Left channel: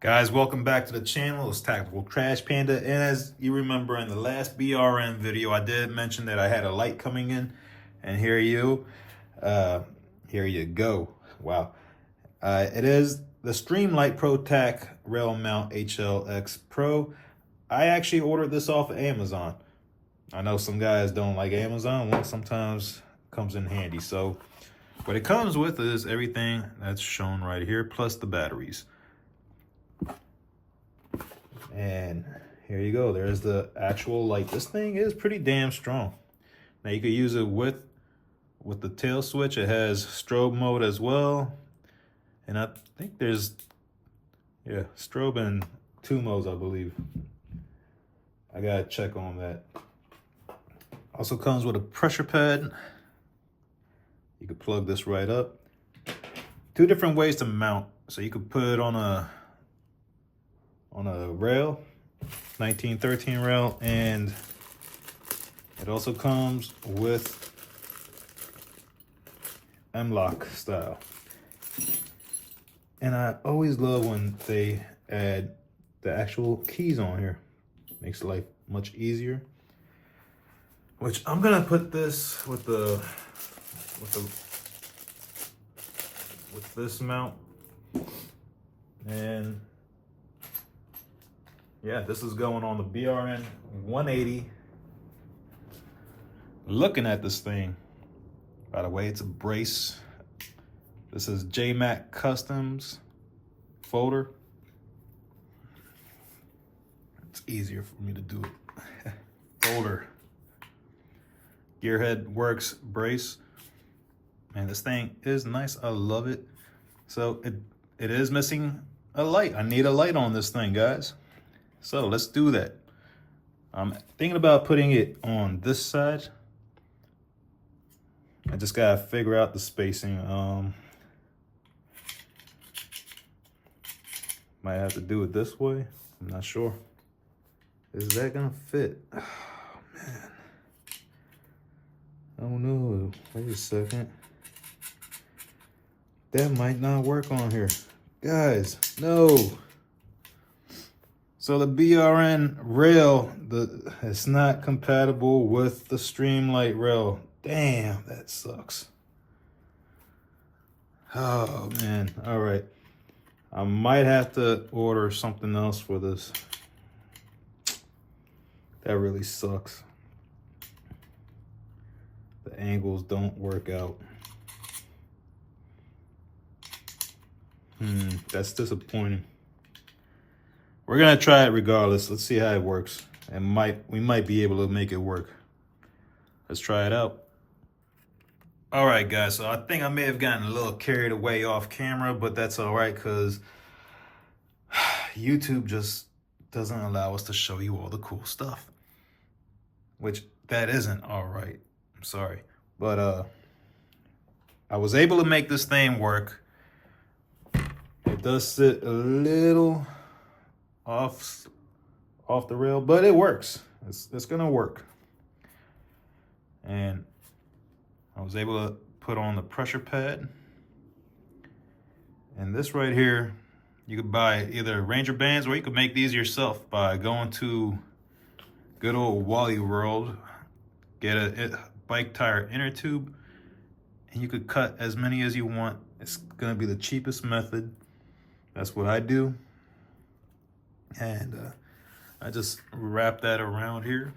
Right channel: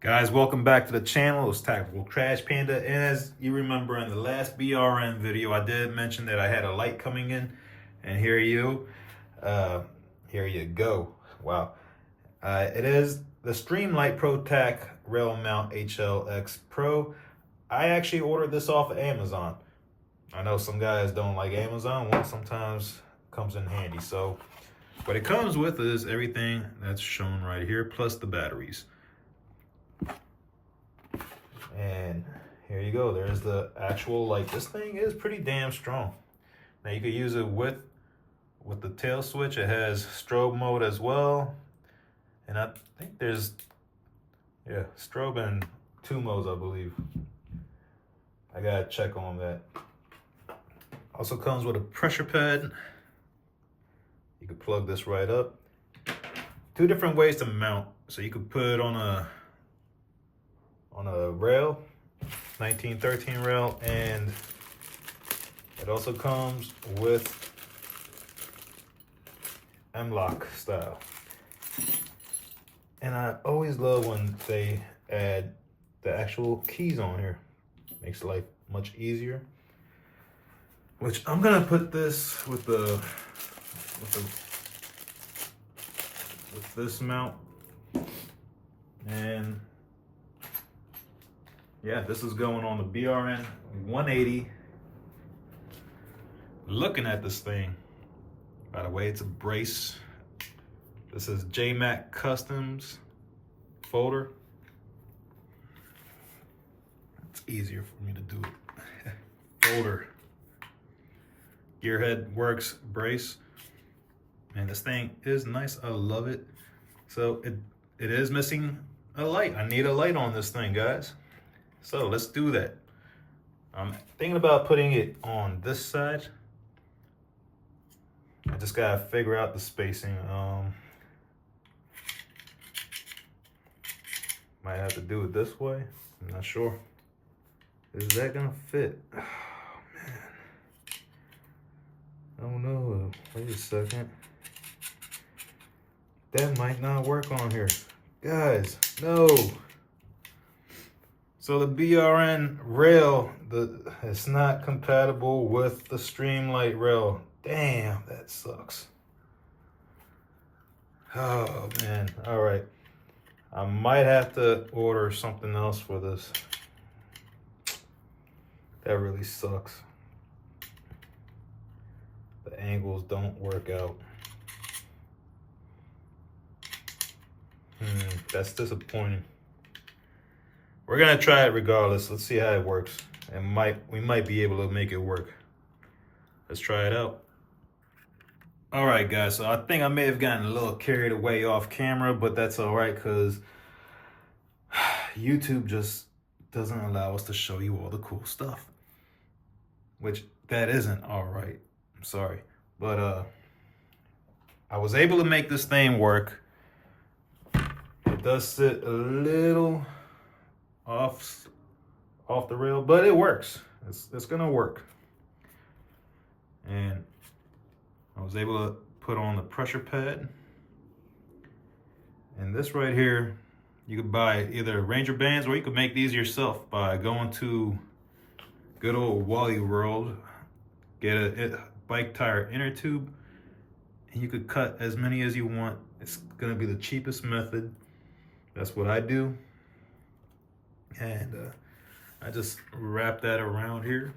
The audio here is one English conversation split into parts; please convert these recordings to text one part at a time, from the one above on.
Guys, welcome back to the channel. It's Tactical Trash Panda. And as you remember in the last BRN video, I did mention that I had a light coming in. And here you go. Wow. It is the Streamlight ProTac Rail Mount HLX Pro. I actually ordered this off of Amazon. I know some guys don't like Amazon. Well, sometimes comes in handy. So what it comes with is everything that's shown right here, plus the batteries. And here you go. There's the actual light. This thing is pretty damn strong. Now you can use it with the tail switch. It has strobe mode as well. And I think there's, strobe in 2 modes, I believe. I gotta check on that. Also comes with a pressure pad. You can plug this right up. 2 different ways to mount. So you can put it on a rail, 1913 rail, and it also comes with M-lock style. And I always love when they add the actual keys on here. Makes life much easier. Which I'm gonna put this with this mount, and yeah, this is going on the BRN180. Looking at this thing, by the way, it's a brace. This is JMac Customs folder. It's easier for me to do it. Folder. Gearhead Works brace. Man, this thing is nice. I love it. So it is missing a light. I need a light on this thing, guys. So let's do that. I'm thinking about putting it on this side. I just gotta figure out the spacing. Might have to do it this way. I'm not sure. Is that gonna fit? Oh man. I don't know. Wait a second. That might not work on here. Guys, no. So the BRN rail, it's not compatible with the Streamlight rail. Damn, that sucks. Oh man, all right. I might have to order something else for this. That really sucks. The angles don't work out. That's disappointing. We're gonna try it regardless. Let's see how it works. And we might be able to make it work. Let's try it out. All right, guys. So I think I may have gotten a little carried away off camera, but that's all right because YouTube just doesn't allow us to show you all the cool stuff. Which that isn't all right. I'm sorry, but I was able to make this thing work. It does sit a little off the rail, but it works. It's gonna work. And I was able to put on the pressure pad. And this right here, you could buy either Ranger bands or you could make these yourself by going to good old Wally World, get a bike tire inner tube, and you could cut as many as you want. It's gonna be the cheapest method. That's what I do. And I just wrap that around here.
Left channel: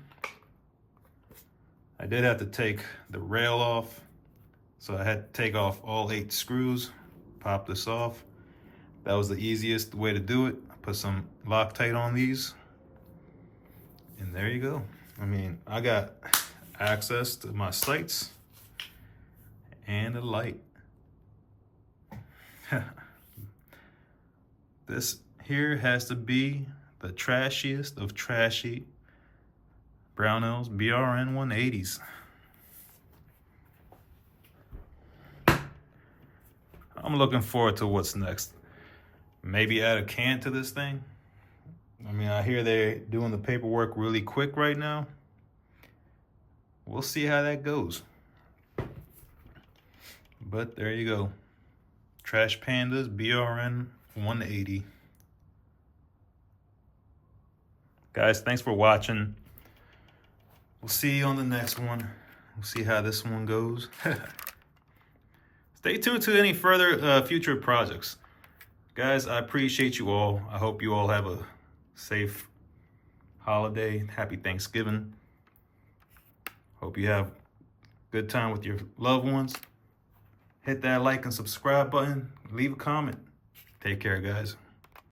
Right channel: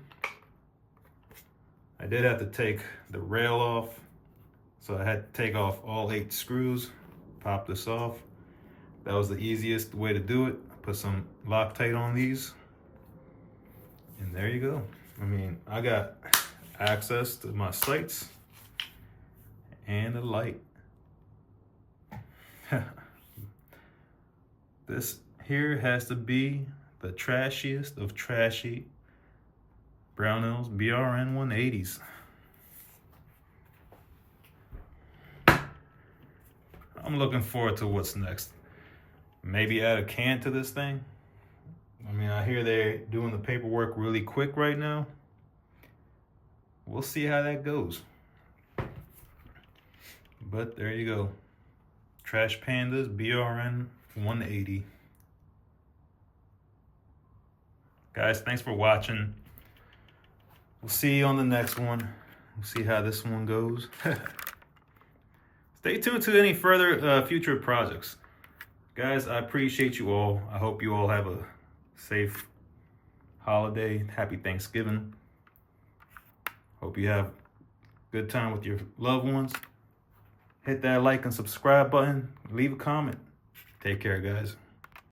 I did have to take the rail off, so I had to take off all 8 screws, pop this off. That was the easiest way to do it. I put some Loctite on these, and there you go. I mean, I got access to my sights and a light. This here has to be the trashiest of trashy Brownells BRN180s. I'm looking forward to what's next. Maybe add a can to this thing. I mean, I hear they're doing the paperwork really quick right now. We'll see how that goes. But there you go. Trash Pandas BRN180. Guys, thanks for watching. We'll see you on the next one. We'll see how this one goes. Stay tuned to any further future projects. Guys, I appreciate you all. I hope you all have a safe holiday. Happy Thanksgiving. Hope you have a good time with your loved ones. Hit that like and subscribe button. Leave a comment. Take care, guys.